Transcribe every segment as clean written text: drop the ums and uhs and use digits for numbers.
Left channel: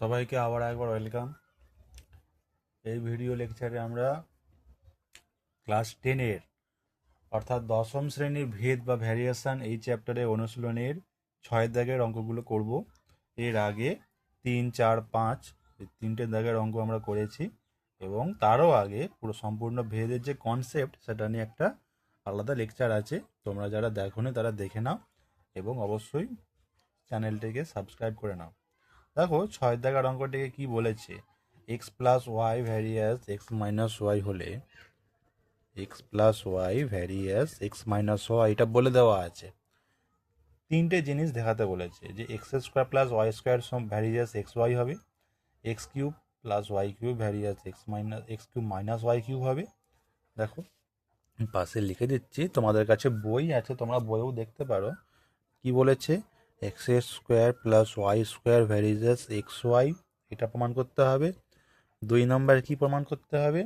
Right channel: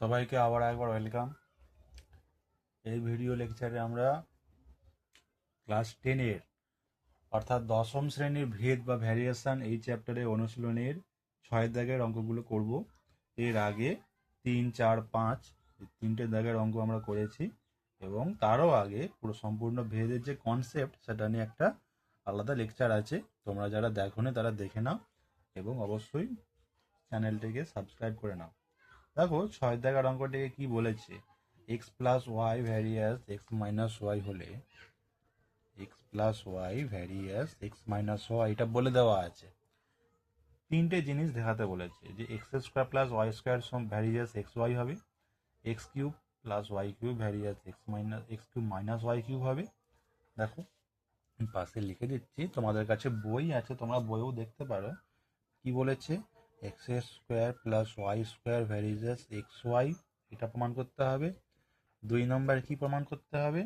সবাইকে আবার একবার ওয়েলকাম। এই ভিডিও লেকচারে আমরা ক্লাস 10-এর অর্থাৎ দশম শ্রেণীর ভেদ বা ভ্যারিয়েশন এই চ্যাপ্টারে অনুশীলনের 6 দাগের অঙ্কগুলো করব। এর আগে 3, 4, 5 এই 3টে দাগের অঙ্ক আমরা করেছি এবং তারও আগে পুরো সম্পূর্ণ ভেদের যে কনসেপ্ট সেটা নিয়ে একটা আলাদা লেকচার আছে। তোমরা যারা দেখোনি তারা দেখে নাও এবং অবশ্যই চ্যানেলটিকে সাবস্ক্রাইব করে নাও। দেখো 6 দাগের অঙ্কটিকে কি বলেছে, x plus Y varies x minus Y হলে X plus Y varies x minus Y এটা বলে দেওয়া আছে। তিনটে জিনিস দেখাতে বলেছে যে X square plus Y square varies x Y হবে, X cube plus Y cube varies x cube minus Y cube হবে। দেখো পাশে লিখে দিচ্ছি, তোমাদের কাছে বই আছে, তোমরা বইও দেখতে পারো। কি বলেছে, x square plus Y square varies x y এটা প্রমাণ করতে হবে। 2 নম্বর কি প্রমাণ করতে হবে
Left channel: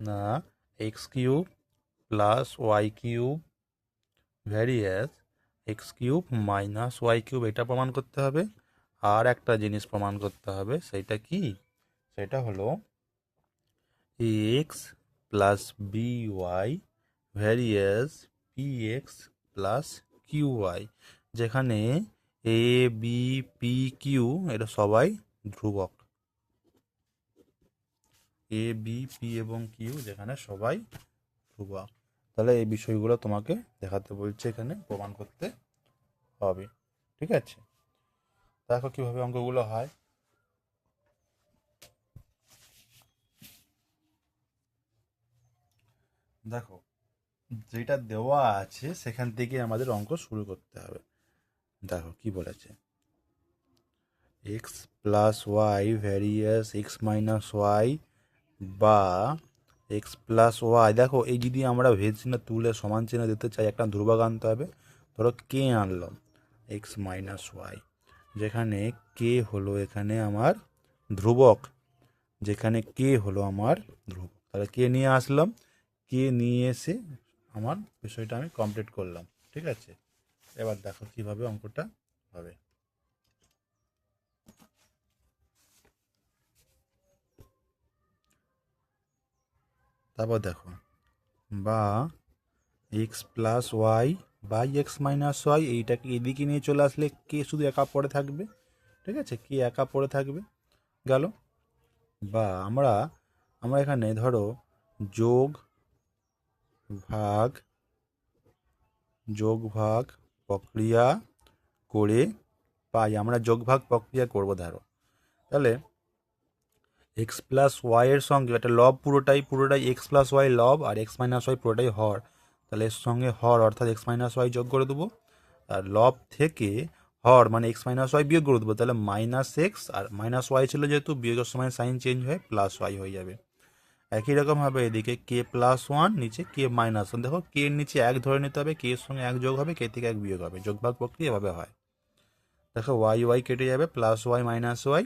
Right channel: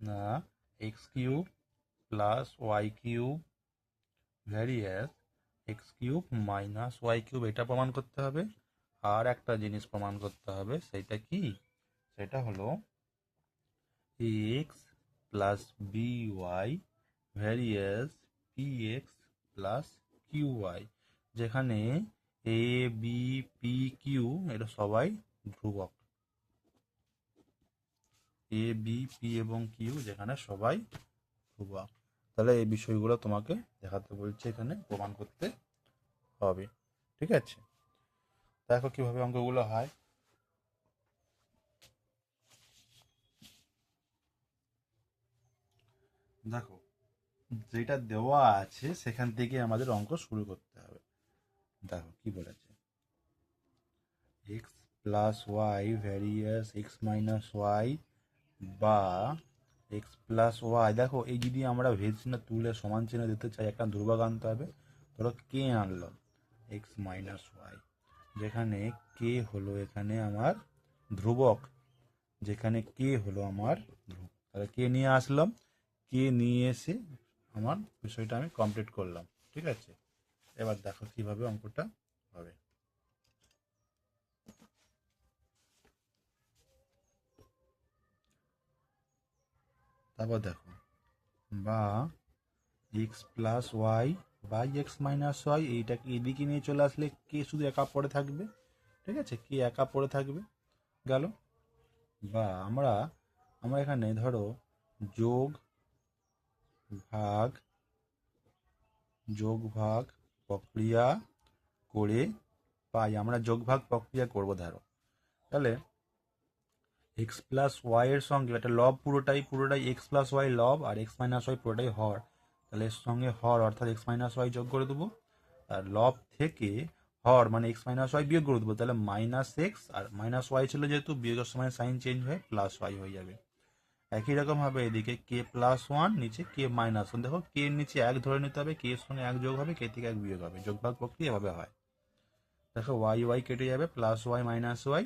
না, x cube plus Y cube varies x cube minus Y cube এটা প্রমাণ করতে হবে। আর একটা জিনিস প্রমাণ করতে হবে, সেটা কি, সেটা হলো x plus B Y varies P x plus Q y, যেখানে এ বি পি কিউ এটা সবাই ধ্রুবক। এ বি পি এবং কিউ যেখানে সবাই ধ্রুবক। তাহলে এই বিষয়গুলো তোমাকে দেখাতে বলছে, এখানে প্রমাণ করতে হবে। ঠিক আছে, দেখো কিভাবে অঙ্কগুলো হয়। দেখো যেটা দেওয়া আছে সেখান থেকে আমাদের অঙ্ক শুরু করতে হবে। দেখো কি বলেছে, x plus Y varies x minus y বা এক্স প্লাস ওয়াই। দেখো এই যদি আমরা ভেদ চিহ্ন তুলে সমান চিহ্ন দিতে চাই, একটা ধ্রুবক আনতে হবে। ধরো কে আনলাম এক্স মাইনাস ওয়াই, যেখানে কে হলো এখানে আমার ধ্রুবক, যেখানে কে হলো আমার ধ্রুবক। তাহলে কে নিয়ে আসলাম, কে নিয়ে এসে আমার বিষয়টা আমি কমপ্লিট করলাম। ঠিক আছে, এবার দেখো কিভাবে অঙ্কটা হবে। তারপর দেখো, বা x plus y by x minus y, এইটাকে এদিকে নিয়ে চলে আসলে কে শুধু একা পড়ে থাকবে। ঠিক আছে, কে একা পড়ে থাকবে গেল। বা আমরা আমরা এখানে ধরো যোগ ভাগ যোগ ভাগ প্রক্রিয়া করে পাই, আমরা যোগ ভাগ প্রক্রিয়া করব। ধরো তাহলে এক্স প্লাস ওয়াই এর সঙ্গে একটা লব, পুরোটাই এক্স প্লাস ওয়াই লব, আর এক্স মাইনাস ওয়াই পুরোটাই হর। তাহলে এর সঙ্গে হর অর্থাৎ এক্স মাইনাস ওয়াই যোগ করে দেবো, আর লব থেকে হর মানে এক্স মাইনাস ওয়াই বিয়োগ করে দেবো। তাহলে মাইনাস এক্স আর মাইনাস ওয়াই ছিল যেহেতু, বিয়োগের সময় সাইন চেঞ্জ হয়ে প্লাস ওয়াই হয়ে যাবে। একই রকমভাবে এদিকে কে প্লাস ওয়ান, নিচে কে মাইনাস ওয়ান। দেখো কে এর নিচে এক ধরে নিতে হবে, কে এর সঙ্গে এক যোগ হবে, কে থেকে এক বিয়োগ হবে, যোগ ভাগ প্রক্রিয়া এভাবে হয়। দেখো ওয়াই ওয়াই কেটে যাবে, প্লাস ওয়াই মাইনাস ওয়াই,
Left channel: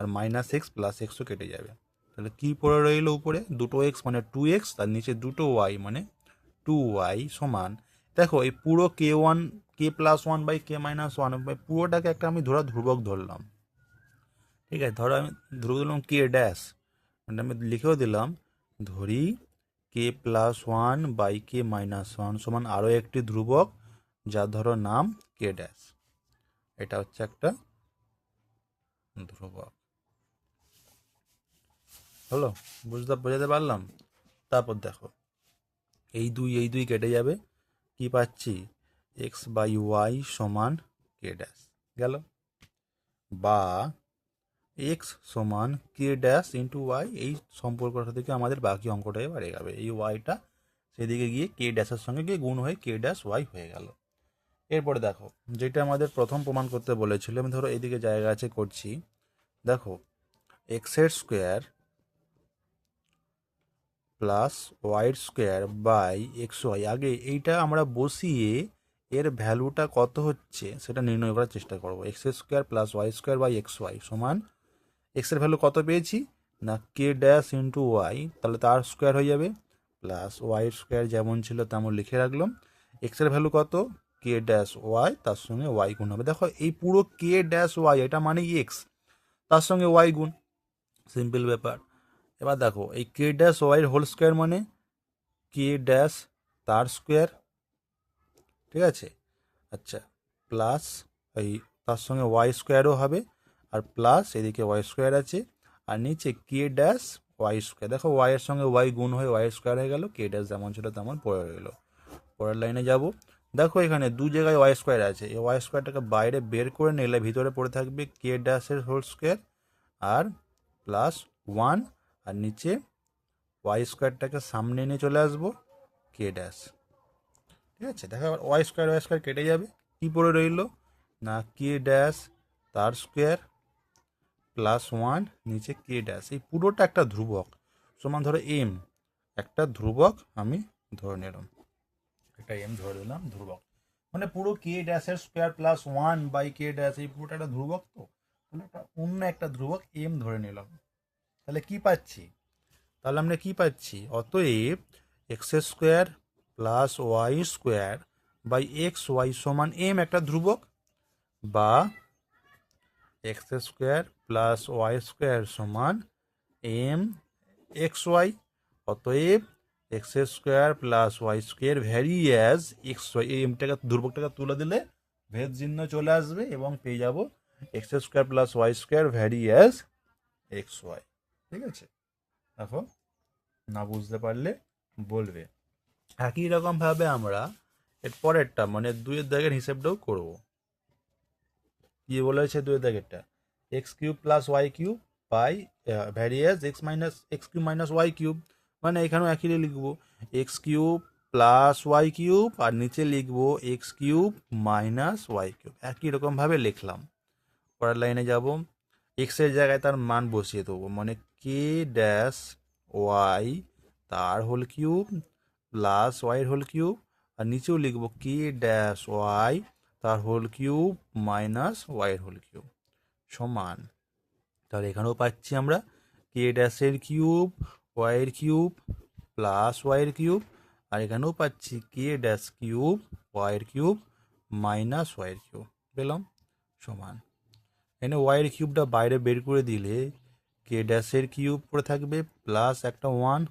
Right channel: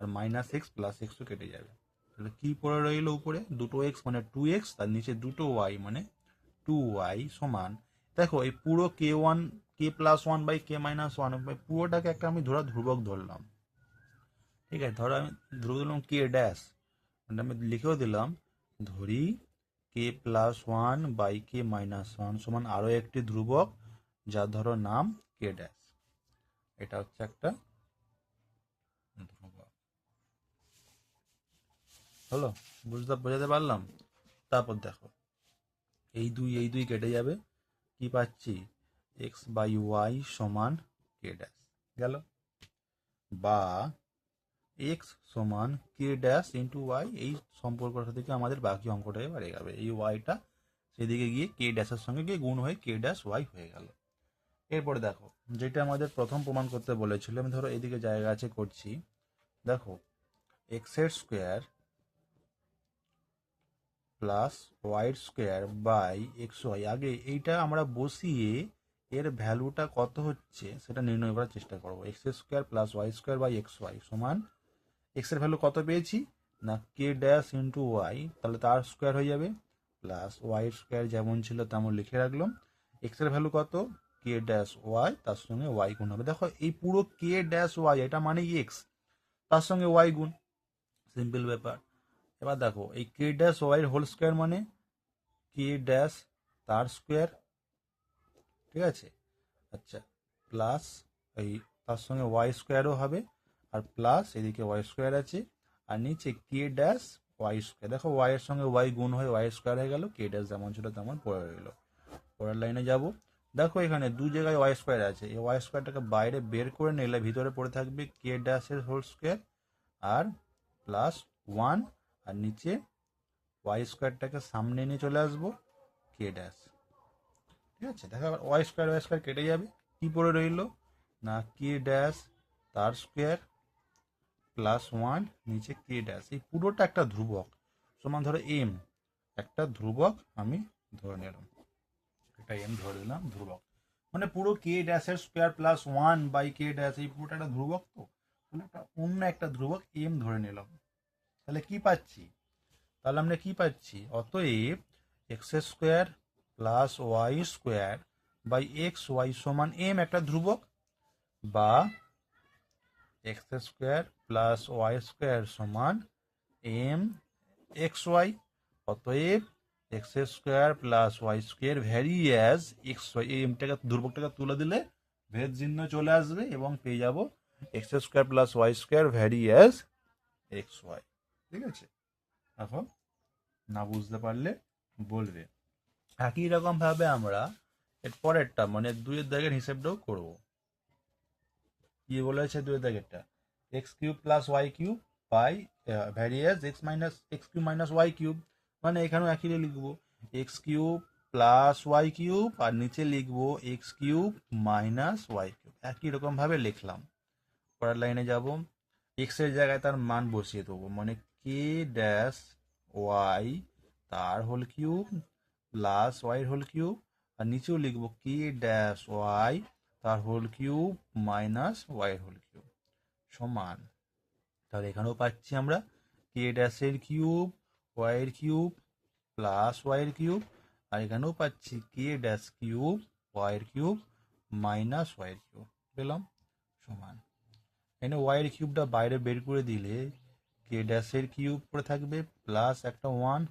আর মাইনাস এক্স প্লাস এক্সও কেটে যাবে। তাহলে কি পড়ে রইল উপরে, দুটো এক্স মানে টু এক্স, তার নিচে দুটো ওয়াই মানে টু ওয়াই সমান। দেখো এই পুরো K one, K plus one by K minus one, পুরোটাকে একটা আমি ধ্রুবক ধরলাম। ঠিক আছে, ধরো আমি ধ্রুবক দিলাম কে ড্যাশ, মানে আমি লিখেও দিলাম, ধরি K plus one by K minus one সমান আরও একটি ধ্রুবক, যার ধরো নাম কে ড্যাশ। এটা হচ্ছে একটা ধ্রুবক। হলো, বোঝাতে পারলাম। তারপর দেখো এই দুই কেটে যাবে, কি পাচ্ছি, এক্স বাই ওয়াই সমান কে ড্যাশ গেল। বা এক্স সমান কে ড্যাশ ইন্টু ওয়াই, এই সম্পর্কটা থেকে আমাদের বাকি অঙ্কটা এবার এগাবে। এই ওয়াইটা সেদিকে গিয়ে কে ড্যাশের সঙ্গে গিয়ে গুণ হয়ে কে ড্যাশ ওয়াই হয়ে গেল। এরপরে দেখো যেটা আমাদের প্রথম প্রমাণ করতে বলেছিল, আমি ধরো এদিকে জায়গা আছে করছি। দেখো এক্সের square plus Y square by x y, আগে এইটা আমরা বসিয়ে এর ভ্যালুটা কত হচ্ছে সেটা নির্ণয় করার চেষ্টা করবো। X square plus Y square by x y সমান, এক্সের ভ্যালু কত পেয়েছি না কে ড্যাশ ইন্টু ওয়াই, তাহলে তার স্কোয়ার হয়ে যাবে, প্লাস ওয়াই স্কোয়ার যেমন ছিল তেমন লিখে রাখলাম। এক্সের ভ্যালু কত, কে ড্যাশ ওয়াই, তার সঙ্গে ওয়াই গুণ হবে। দেখো এই পুরো কে ড্যাশ ওয়াই এটা মানে এক্স, তার সঙ্গে ওয়াই গুণ, সিম্পল ব্যাপার। এবার দেখো এই কে ড্যাশ ওয়াইয়ের হোল স্কোয়ার মানে কে ড্যাশ তার স্কোয়ার, ঠিক আছে। আচ্ছা, প্লাস এই তার সঙ্গে ওয়াই স্কোয়ারও হবে, আর প্লাস এদিকে ওয়াই স্কোয়ার আছে, আর নিচে কে ড্যাশ ওয়াই স্কোয়ার। দেখো ওয়াইয়ের সঙ্গে ওয়াই গুণ হয়ে ওয়াই স্কোয়ার হয়ে গেল, কে ড্যাশ যেমন ছিল তেমন পড়ে রইল। পরের লাইনে যাব। দেখো এখানে দু জায়গায় ওয়াই স্কোয়ার আছে, এই ওয়াই স্কোয়ারটাকে বাইরে বের করে নিলে ভিতরে পড়ে থাকবে কে ড্যাশের হোল স্কোয়ার আর প্লাস ওয়ান, আর নিচে ওয়াই স্কোয়ারটাকে সামনে নিয়ে চলে আসবো কে ড্যাশ, ঠিক আছে। দেখো ওয়াই স্কোয়ার কেটে যাবে, কি পড়ে রইল না কে ড্যাশ তার স্কোয়ার প্লাস ওয়ান, নিচে কে ড্যাশ, এই পুরোটা একটা ধ্রুবক সমান ধরো এম, একটা ধ্রুবক আমি ধরে নিলাম, একটা এম ধরে দিলাম ধ্রুবক, মানে পুরো কে ড্যাশের square plus one by k dash, এই পুরোটা একটা ধ্রুবক, তো তাহলে একটা অন্য একটা ধ্রুবক এম ধরে নিলাম। তাহলে কি পাচ্ছি, তাহলে আমরা কি পাচ্ছি, অতএব x square plus Y square by x y সমান এম একটা ধ্রুবক, বা x square plus Y square সমান এম এক্স ওয়াই। অতএব x square plus Y square vary as x y, এই এমটাকে ধ্রুবকটাকে তুলে দিলে ভেদ চিহ্ন চলে আসবে এবং পেয়ে যাব x square plus Y square vary as x y, ঠিক আছে। এখন না বুঝতে পারলে বলবে। একই রকম ভাবে আমরা এর পরেরটা মানে দুইয়ের দাগের হিসেবটাও করব। কি বলেছে দুইয়ের দাগেরটা, X cube plus Y cube by varies x cube minus Y cube, মানে এখানেও একই লিখবো X cube plus Y cube আর নিচে লিখবো X cube minus Y cube, একই রকম ভাবে লিখলাম। পরের লাইনে যাব, এক্স এর জায়গায় তার মান বসিয়ে দেবো, মানে কে ড্যাশ ওয়াই তার whole cube plus Y whole cube, আর নিচেও লিখবো কে ড্যাশ ওয়াই তার whole cube minus Y whole cube সমান, তাহলে এখানেও পাচ্ছি আমরা কে ড্যাশের কিউব ওয়াইয়ের কিউব প্লাস ওয়াইয়ের কিউব, আর এখানেও পাচ্ছি কে ড্যাশ কিউব ওয়াইয়ের কিউব মাইনাস ওয়াইয়ের কিউব, পেলাম সমান। এখানে ওয়াইয়ের কিউবটা বাইরে বের করে দিলে কে ড্যাশের কিউব পড়ে থাকবে প্লাস একটা ওয়ান,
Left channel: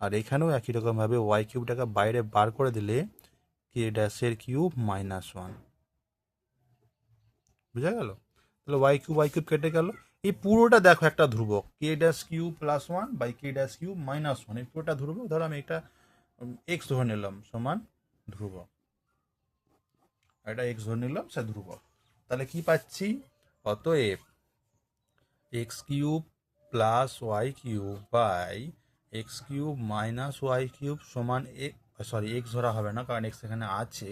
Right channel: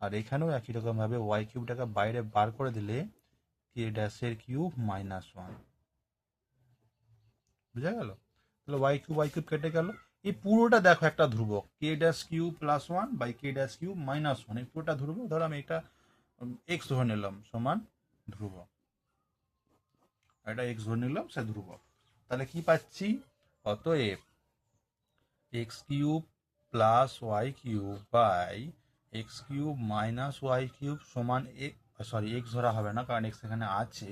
আর এখানেও একই রকমভাবে ওয়াই কিউবটাকে বাইরে বার করে দিলে কে ড্যাশের কিউব মাইনাস ওয়ান, বুঝা গেল। তাহলে ওয়াই কিউব কেটে গেল, এই পুরোটা দেখো একটা ধ্রুবক k dash cube plus one by k dash cube minus one, এই পুরোটা ধ্রুবক। ধরো আমি এটা এক্স ধরে নিলাম সমান ধ্রুবক, এটা এক্স ধরে নিলাম সে ধ্রুবক। তাহলে কি পাচ্ছি, অতএব x cube plus Y cube by x cube minus Y cube সমান সরি এক্স ধরা হবে না কারণ এক্স এখানে আছে,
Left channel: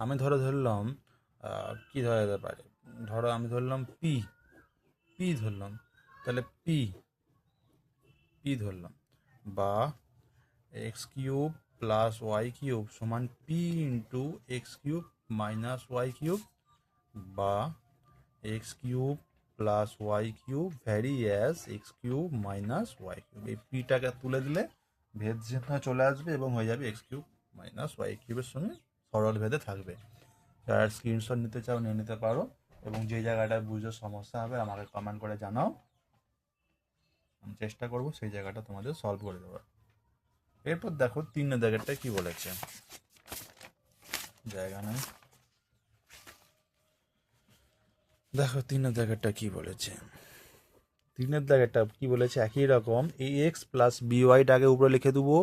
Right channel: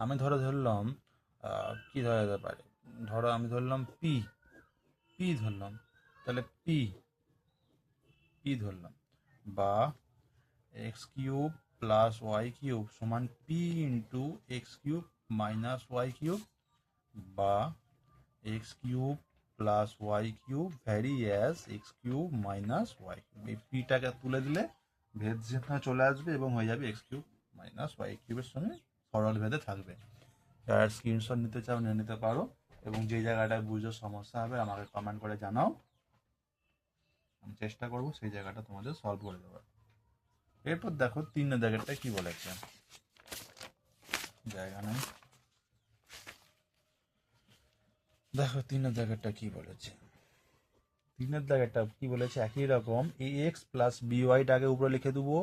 আমি ধরলাম কি ধরা যেতে পারে, ধরো আমি ধরলাম পি, পি ধরলাম, তাহলে পি পি ধরলাম, বা X cube plus Y cube সমান P into X cube minus Y cube, বা X cube plus Y cube vary as X cube minus Y cube, এই পিটাকে তুলে দিলে ভেদ চিহ্ন চলে আসবে এবং হয়ে যাবে এক্স কিউব মাইনাস ওয়াই কিউবের সঙ্গে সরল ভেদে থাকবে। যারা স্ক্রিনশট নিতে চাও নিয়ে নিতে পারো, এবং যে জায়গাটায় বুঝতে সমস্যা হবে আমাকে কমেন্ট করে জানাও, আমি চেষ্টা করবো সেই জায়গাটা তোমাদের সলভ করে দেওয়ার। এরপর দেখো 3 দাগেরটা কি বলেছে, জায়গা নেই, দেখো 3 দাগেরটা কি বলেছে। 3 দাগেরটা কি বলেছে, একই রকম এই এক্স প্লাস বিওয়াইটাকে উপরে লিখে দেবো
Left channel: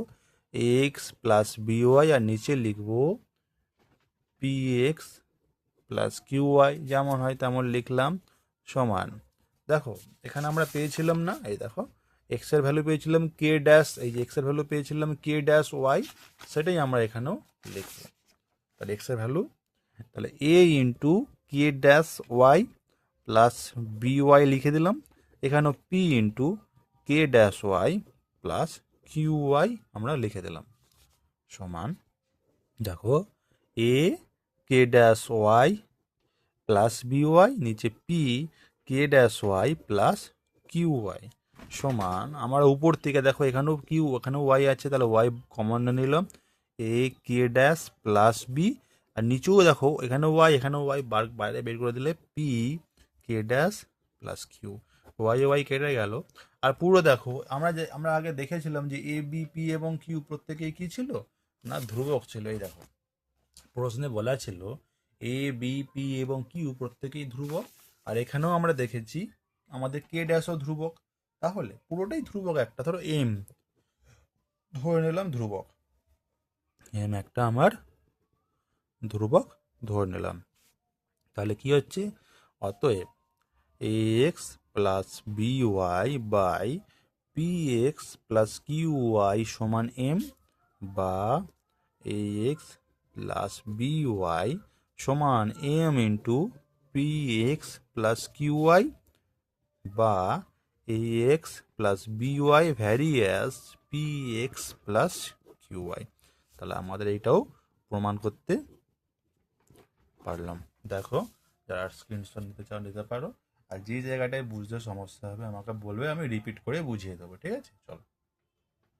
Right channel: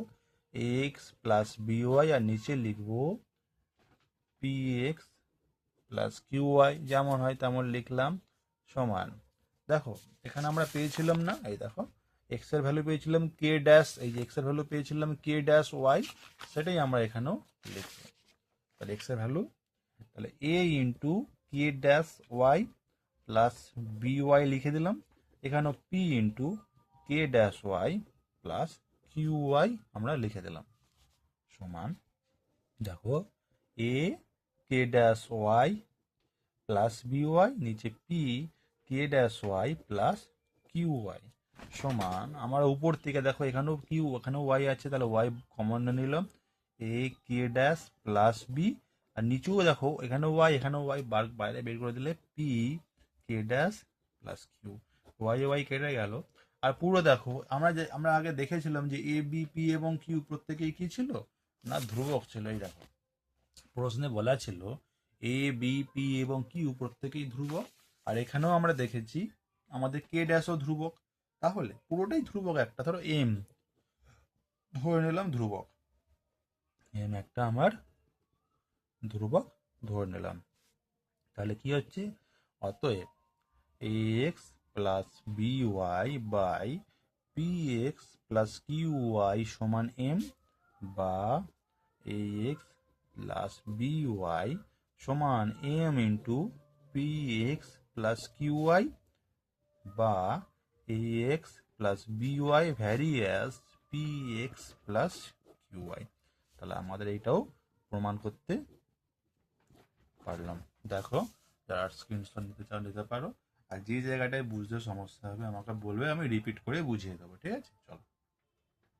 এক্স প্লাস বিওয়াই, আর নিচে লিখবো p x plus Q y, যেমন হয় তেমন লিখলাম সমান। দেখো এখানে আমরা পেয়েছিলাম না, এই দেখো এক্স এর ভ্যালু পেয়েছিলাম কে ড্যাশ, এই যে এক্স এর ভ্যালু পেয়েছিলাম কে ড্যাশ ওয়াই, সেটাই আমরা এখানেও লিখবো। তাহলে এক্স এর ভ্যালু, তাহলে A into K dash Y plus B Y লিখে দিলাম, এখানেও P into K dash Y plus Q Y আমরা লিখে দিলাম সমান। দেখো A K dash Y plus B Y, নিচে পি কে dash Y plus Q Y সমান, আমার উপর থেকে দেখো এখানেও কিউ এখানেও ওয়াই আছে, তাহলে ওয়াই কমন নিলাম a K dash plus b, আর নিচেও দেখো এখানেও ওয়াই বাইরে বের করে দিলে পি কে dash plus Q, y y কেটে গেল। আর পুরো দেখো আমরা আগে দেখেছিলাম যে এ বি পি এবং কিউ প্রত্যেকেই কি ছিল না, ধ্রুবক ছিল। এই দেখো প্রশ্নে বলা ছিল এ বি পি এবং কিউ প্রত্যেকেই ধ্রুবক, আর এখানেও আমরা দেখেছি আমাদের কে ড্যাশও ধ্রুবক। তাহলে পুরোটাই ধ্রুবক। একটা ধরো এম ধরে নিলাম ধ্রুবক, এম একটা আমার ধ্রুবক ধরে নিলাম। তাহলে কি হচ্ছে, অতএব A X plus B Y by P x plus Q Y সমান এম, বা A X plus B Y সমান M into P x plus Q Y, বা A X plus B Y varies P x plus Q Y. তাহলে আমাদের এইটাও প্রমাণ করতে পারলাম। দেখো, যারা স্ক্রিনশট নিতে চাও নিতে পারো, আর যে জায়গাটায় বুঝতে সমস্যা হবে আমাকে বলবে, আমি রিপিট করে বুঝিয়ে দেবো। ঠিক আছে, চলো।